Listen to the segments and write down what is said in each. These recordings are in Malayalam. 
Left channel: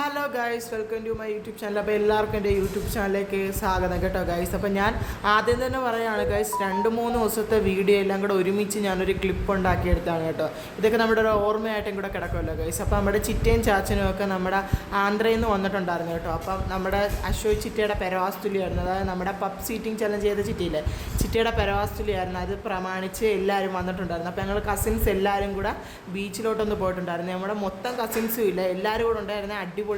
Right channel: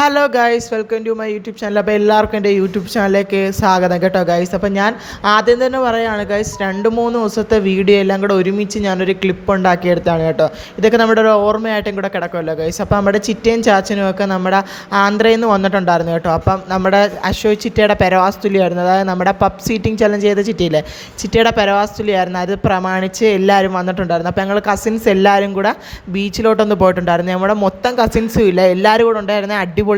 Hello guys, welcome to my YouTube channel. അപ്പോൾ എല്ലാവർക്കും എൻ്റെ യൂട്യൂബ് ചാനലിലേക്ക് സ്വാഗതം കേട്ടോ ഗൈസ്. അപ്പോൾ ഞാൻ ആദ്യം തന്നെ പറയുകയാണ് ഗൈസ്, 2-3 ദിവസത്തെ വീഡിയോ എല്ലാം കൂടെ ഒരുമിച്ച് ഞാനൊരു ക്ലിപ്പ് ഉണ്ടാക്കിയെടുത്താണ് കേട്ടോ. ഇതൊക്കെ നമ്മുടെ ഒരു ഓർമ്മയായിട്ടും കൂടെ കിടക്കുമല്ലോ ഗൈസ്. അപ്പോൾ നമ്മുടെ ചിറ്റയും ചാച്ചനും ഒക്കെ നമ്മുടെ ആന്ധ്രയിൽ നിന്ന് വന്നിട്ടുണ്ടായിരുന്നു കേട്ടോ. അപ്പം നമ്മുടെ അശോക് ചിറ്റയുടെ പെരവാസ്തുലിയായിരുന്നു, അതായത് നമ്മുടെ പബ് സീറ്റിംഗ് ചലഞ്ച് ചെയ്ത ചിറ്റയില്ലേ, ചിറ്റയുടെ പെരവാസ്തുലിയായിരുന്നു. അത് പ്രമാണിച്ച് എല്ലാവരും വന്നിട്ടുണ്ടായിരുന്നു. അപ്പോൾ ഞങ്ങൾ കസിൻസ് എല്ലാവരും കൂടെ ബീച്ചിലോട്ടൊന്ന് പോയിട്ടുണ്ടായിരുന്നു. നമ്മുടെ മൊത്തം കസിൻസും ഇല്ല, എല്ലാവരും കൂടെ ഉണ്ടായിരുന്ന അടിപൊളിയായനം.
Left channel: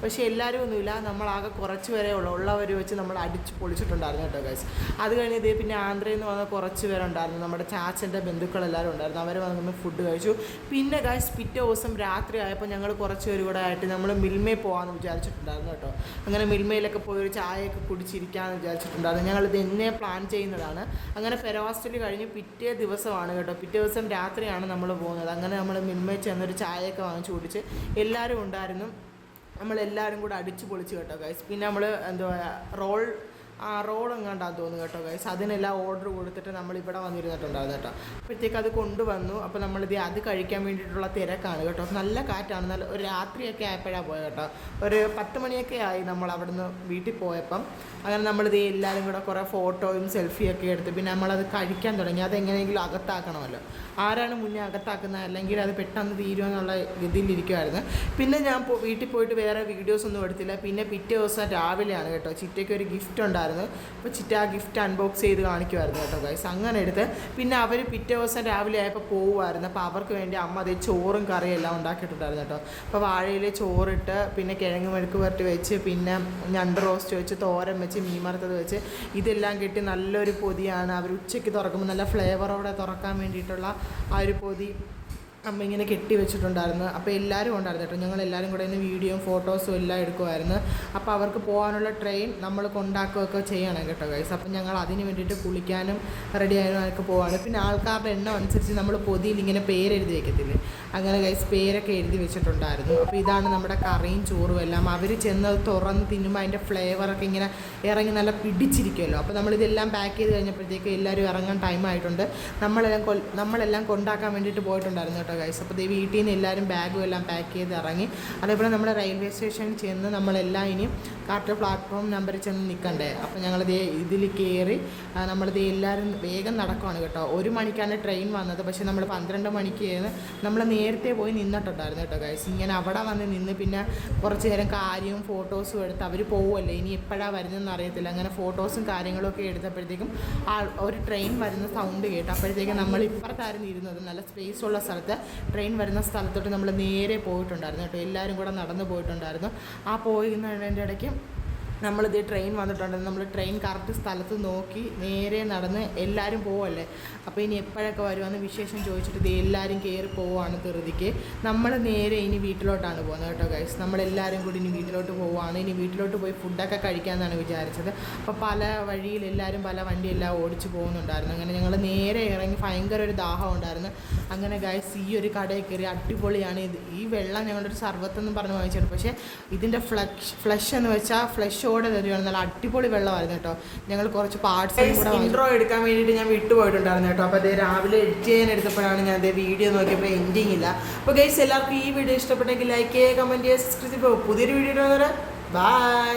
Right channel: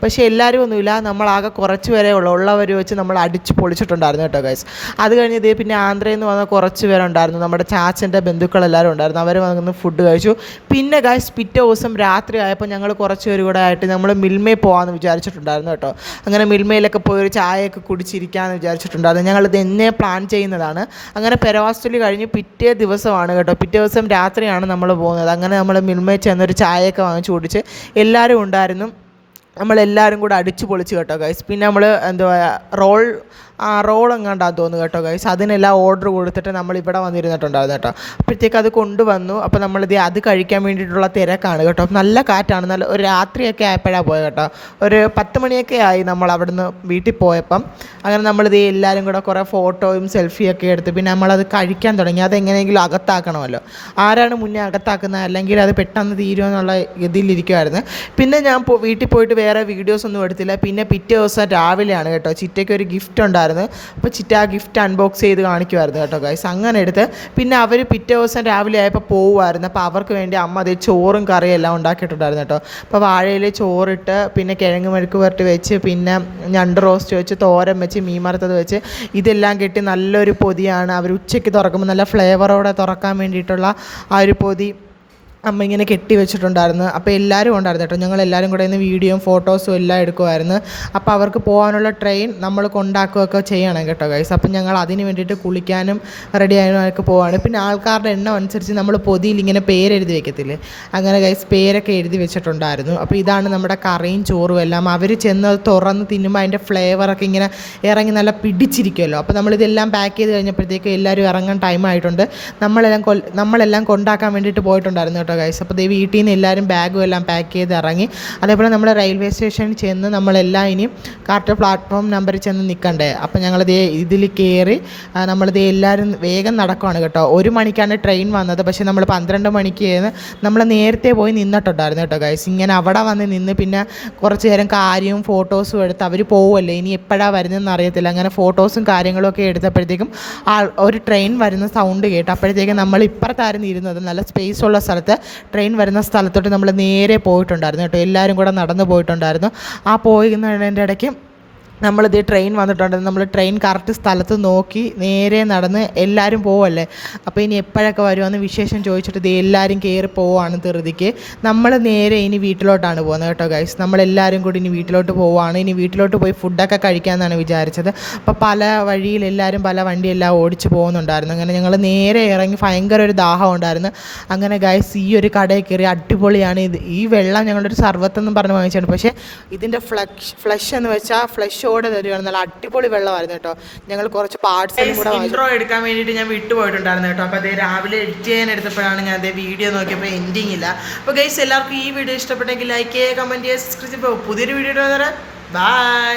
പക്ഷേ എല്ലാവരും ഒന്നുമില്ല, നമ്മളാകെ കുറച്ച് പേരെ ഉള്ളവർ വെച്ച് നമ്മൾ അടിച്ച് പൊളിച്ചിട്ടുണ്ടായിരുന്നു കേട്ടോ ഗൈസ്. അത് കഴിഞ്ഞ് ഇതേ പിന്നെ ആന്ധ്രയിൽ നിന്ന് വന്ന കുറച്ച് പേരുണ്ടായിരുന്നു, നമ്മുടെ ചാച്ചൻ്റെ ബന്ധുക്കളെല്ലാവരും ഉണ്ടായിരുന്നു. അവർ വന്ന് ഫുഡ് കഴിച്ചു. പിന്നെ ഗൈസ് പിറ്റേ ദിവസം രാത്രി ആയപ്പോൾ ഞങ്ങൾ കുറച്ച് പേര് കൂടെ ആയിട്ട് നമ്മൾ മിൽമയിൽ പോകാമെന്ന് വിചാരിച്ചിട്ടുണ്ടായിരുന്നു കേട്ടോ. അങ്ങനെ മിൽമയിലൊക്കെ പോയി ഒരു ചായയൊക്കെ കുടിച്ചിരിക്കാമെന്ന് വിചാരിച്ചിട്ടുണ്ടായിരുന്നു. ഞങ്ങളിത് എന്നെ പ്ലാൻ ചെയ്യുന്നതാണ്. അങ്ങനെ പെരവാസ്തുലി കഴിഞ്ഞ് പിറ്റേ ദിവസമാണ് കേട്ടോ, പിറ്റേ ദിവസം രാത്രിയാണ് നമ്മൾ പോകുന്നത്. അങ്ങനെ നമ്മൾ മിൽമയിൽ ചെന്നൊരു ചായയൊക്കെ വാങ്ങിച്ച് കുടിച്ച് എല്ലാവരും ഉണ്ടായിരുന്നു. നമ്മളെല്ലാവരും കൂടെ അടിച്ച് പൊളിച്ച് കേട്ടോ ഗൈസ്. പിന്നെ നമ്മൾ റോൾ എങ്ങാണ്ടാന്ന് തോന്നുന്നു കേട്ടോ ഗൈസ്. അതിനെല്ലാം ഓർഡർ കൊടുത്തിട്ട് നമ്മൾ ഇവിടെ വന്നിരുന്നിട്ടുണ്ടായിരുന്നു കേട്ടോ. അപ്പോഴത്തേക്ക് അത് കൊണ്ടുവന്നു. അപ്പോൾ നമ്മളിത് അത് കഴിക്കാൻ വേണ്ടിയിട്ടുള്ള തിരക്കാണ് കേട്ടോ. നല്ല കാറ്റാണ്, നല്ല ഒരു രാത്രിയൊക്കെ ആയപ്പോഴാണ് പോയത് കേട്ടോ. ഒരു 10 മണിയൊക്കെ ആയി നമ്മൾ അവിടുന്ന് വീട്ടിൽ പോയപ്പം. അങ്ങനെ നമ്മളിത് എല്ലാവരും കൂടെ കുറേ ഫോട്ടോയും സെൽഫിയൊക്കെ എടുത്ത് പിന്നെ നമ്മളത് കഴിക്കാൻ തുടങ്ങി. അതെങ്ങനെയെങ്കിലും അകത്താക്കണമല്ലോ, ആരാണ് മുന്നേ അകത്താക്കുന്നത്, അല്ലെങ്കിൽ അത് പെട്ടെന്ന് തീരുമെന്നുള്ള ഇതിലിരിക്കുമായിരുന്നു. പിന്നെ ഞാൻ വീട്ടിൽ പോയിട്ട് വേറെ വീഡിയോസ് ഒന്നും എടുത്തില്ല. പിന്നെ പിറ്റേ ദിവസം രാവിലെയാണ് കേട്ടോ, ചിറ്റയ്ക്ക് ഒരു ഗിഫ്റ്റ് ഉണ്ടായിരുന്നു. അപ്പോൾ ചിറ്റ ആ ഗിഫ്റ്റ് അൺബോക്സ് ചെയ്ത് കാണിക്കുമായിരുന്നു കേട്ടോ ഗൈസ്. അങ്ങനെ എടുത്ത് പിന്നെ അവർ പിറ്റേ ദിവസം രാവിലെ ആയപ്പോൾ പോകുമായിരുന്നു. അപ്പോൾ അവർക്ക് വേണ്ടി അമ്മ അതേ ചോറും കറിയും എല്ലാം ഉണ്ടാക്കിയിട്ടുണ്ടായിരുന്നു കേട്ടോ. അപ്പോൾ വാഴയിൽ ചോറിട്ട് പിന്നെ കിഴങ്ങ് മെഴുക്ക് പുരട്ടി വെച്ച് പിന്നെ ഞണ്ട് റോസ്റ്റ് വെച്ച് തോരൻ വെച്ച് മീൻ വറുത്തത് വെച്ച് ഇതെല്ലാം കെട്ടി നല്ലൊരു പൊതിയാണ്. അവർ ഉച്ചയ്ക്ക് തുറക്കുമ്പോൾ നല്ല ഫ്ലേവറോടെ തുറക്കാൻ വേണ്ടിയിട്ടുള്ള ആ ഒരു പൊതി അമ്മ ഇങ്ങനെ കെട്ടി വെച്ചിട്ടുണ്ടായിരുന്നു. അപ്പോൾ എല്ലാവരും ഉണ്ടായിരുന്നു കേട്ടോ. ഞങ്ങളെല്ലാവരും കൂടെ ഇന്ന് വീഡിയോയും ഫോട്ടോസും എല്ലാം എടുക്കുമായിരുന്നു. അപ്പോൾ അവർക്ക് പോകാനുള്ള ട്രെയിൻ നമ്മൾ കൊണ്ടാക്കുകയൊക്കെ ചെയ്യണം കേട്ടോ ഗൈസ്. അപ്പം ഞങ്ങൾ അതിന് വേണ്ടിയിട്ട് കുളിക്കാനും റെഡി ആയതിനൊക്കെ പോവാണ്. പിന്നെ ആൾക്കാരുടെ എണ്ണം അനുസരിച്ച് നമ്മൾ പൊതിയിൽ ഇങ്ങനെ പേരെഴുതി വെക്കത്തില്ലേ, അങ്ങനെ ഗൈസ് പേരൊക്കെ എഴുതി വെച്ചിട്ടുണ്ടായിരുന്നു. അപ്പോൾ ഇതാണ് നമ്മുടെ കറിയും ചോറും എല്ലാം. അവർ ചെന്ന് തുറന്ന് തിന്നുമ്പോൾ അതിൻ്റെ ഫ്ലേവറൊക്കെ ഇങ്ങനെ ഇറങ്ങി നല്ല പിടിച്ചിരിക്കുമല്ലോ. അപ്പോൾ നമ്മളിതെല്ലാം പാക്ക് ചെയ്ത് കഴിഞ്ഞപ്പോഴത്തേക്ക് എല്ലാവരും ഇറങ്ങാൻ ടൈമായിട്ടുണ്ട്. നമ്മളെല്ലാം കൊണ്ടാക്കാൻ വേണ്ടിയിട്ട് പോയിട്ടുണ്ടായിരുന്നു കേട്ടോ ഗൈസ്. അപ്പോൾ വീട്ടിൽ നിന്ന് എല്ലാവരും ബാഗും എല്ലാം പാക്ക് ചെയ്ത് ഇറങ്ങി. അതേപോലെ നമ്മൾ റെയിൽവേ സ്റ്റേഷനിൽ ചെന്ന് നമ്മളെല്ലാം ഇനി കറക്റ്റ് പ്ലാറ്റ്ഫോം നമ്പറിൽ ചെന്ന് നിൽക്കണ്ടേ. അപ്പോൾ ഞങ്ങളിത് ഇതിൽ കയറി നമ്മളിത് എല്ലാവരും വേഗം നടക്കുവാണ് കേട്ടോ. 1 മണിക്കാണ് ട്രെയിൻ വന്നത്, പക്ഷേ നമ്മൾ 12 മണിക്ക് നമ്മൾ നേരത്തെ പോയി നിന്നിട്ടുണ്ടായിരുന്നു കേട്ടോ ഗൈസ്. ഇങ്ങനെ അവിടെ വന്ന് നിന്ന് പിന്നെ കുറച്ച് നേരം കാര്യവും ഫോട്ടോസും എടുത്ത് അവർ പോവുമല്ലേ, ഇനി എപ്പോഴാണ് വരുന്നതെന്ന് അറിയത്തില്ല. അങ്ങനെ ഫോട്ടോസും കാര്യങ്ങളും ഒക്കെ എടുത്തപ്പോഴത്തേക്കും ഒരു ട്രെയിൻ വരുന്ന സൗണ്ട് കേട്ടു. അപ്പോഴത്തേക്കും നമ്മൾ ഇപ്പുറത്തായിരുന്നു ഇരുന്നത്, നല്ല സ്പേസ് ഉള്ള സ്ഥലത്ത്. ട്രെയിൻ വരുന്ന സ്ഥലത്തോട്ട് നമ്മൾ നേരെ പോയിട്ടുണ്ടായിരുന്നു കേട്ടോ. എല്ലാവരും കൂടെ നടന്നു പോയിട്ടുണ്ടായിരുന്നു. ആ പോയിരുന്നതിൻ്റെ ഇടയ്ക്ക് നമ്മളിത് ട്രെയിൻ വന്നിട്ടുണ്ടായിരുന്നു. നമ്മൾ ട്രെയിൻ കറക്റ്റ് സ്ഥലത്ത് നോക്കി നേരെ നടന്ന് എല്ലാവരും പോവല്ലേ. അപ്പോൾ ഇനി എപ്പോഴൊക്കെ വരുമെന്ന് വിശേഷം ചോദിച്ചിട്ട് ഇത് എല്ലാവരും കയറി പോവുകയാണ് ധൃതിക്ക്. നമ്മൾ നേരെ ഇനി വീട്ടിലോട്ടാണ് പോകുന്നത് കേട്ടോ ഗൈസ്. നമ്മളെല്ലാവരും കൂടി ഇനി വീട്ടിലോട്ട് പോവുകയാണ്. ഇനി വീട്ടിലോട്ട് പോയി ഫുഡൊക്കെ കഴിക്കാമെന്നാണ് വിചാരിച്ചത്. അപ്പോൾ പല വഴിയിൽ എല്ലാവരും പല വണ്ടിയെല്ലാം ഓടിച്ച് പോകുന്നുണ്ടായിരുന്നു. അങ്ങനെ ഞങ്ങൾ നേരെ ഇറങ്ങി ഭയങ്കര ഒരു ദാഹം ഉണ്ടായിരുന്നു. അങ്ങനെ ഗൈസ് ഈ ഒരു കടയിൽ കയറി അടിപൊളിയാണ്. ഈ വെള്ളം ഞങ്ങളൊരു സർവത്തെന്നും പറഞ്ഞ് വാങ്ങിച്ചാണ്. പക്ഷേ ഇതിൻ്റെ ഫ്ലഷ് എന്ന് വെച്ചാൽ ഫ്ലഷ് തരുവാണ്, നല്ല അടിപൊളി വെള്ളമായിരുന്നു കേട്ടോ. ഞങ്ങൾ കുറച്ച് പാർട്സ് ഇൻട്രോ എടുക്കാൻ വേണ്ടിയിട്ട് ഞാൻ വിട്ടുപോയിട്ടുണ്ടായിരുന്നു കേട്ടോ. അപ്പോൾ അതേ രാവിലെ എഡിറ്റ് ചെയ്യാൻ എടുത്തപ്പോഴാണ് ഞാൻ അതേ വീഡിയോ നോക്കിയപ്പോൾ എൻഡിങ് ഇല്ല. അപ്പോൾ ഗൈസ് എല്ലാവർക്കും ഈ വീഡിയോ ഇഷ്ടപ്പെട്ടെങ്കിൽ ലൈക്ക് ചെയ്യുക, കമൻറ്റ് ചെയ്യുക, സബ്സ്ക്രൈബ് ചെയ്യുക. പുതിയൊരു വീഡിയോ ബൈ.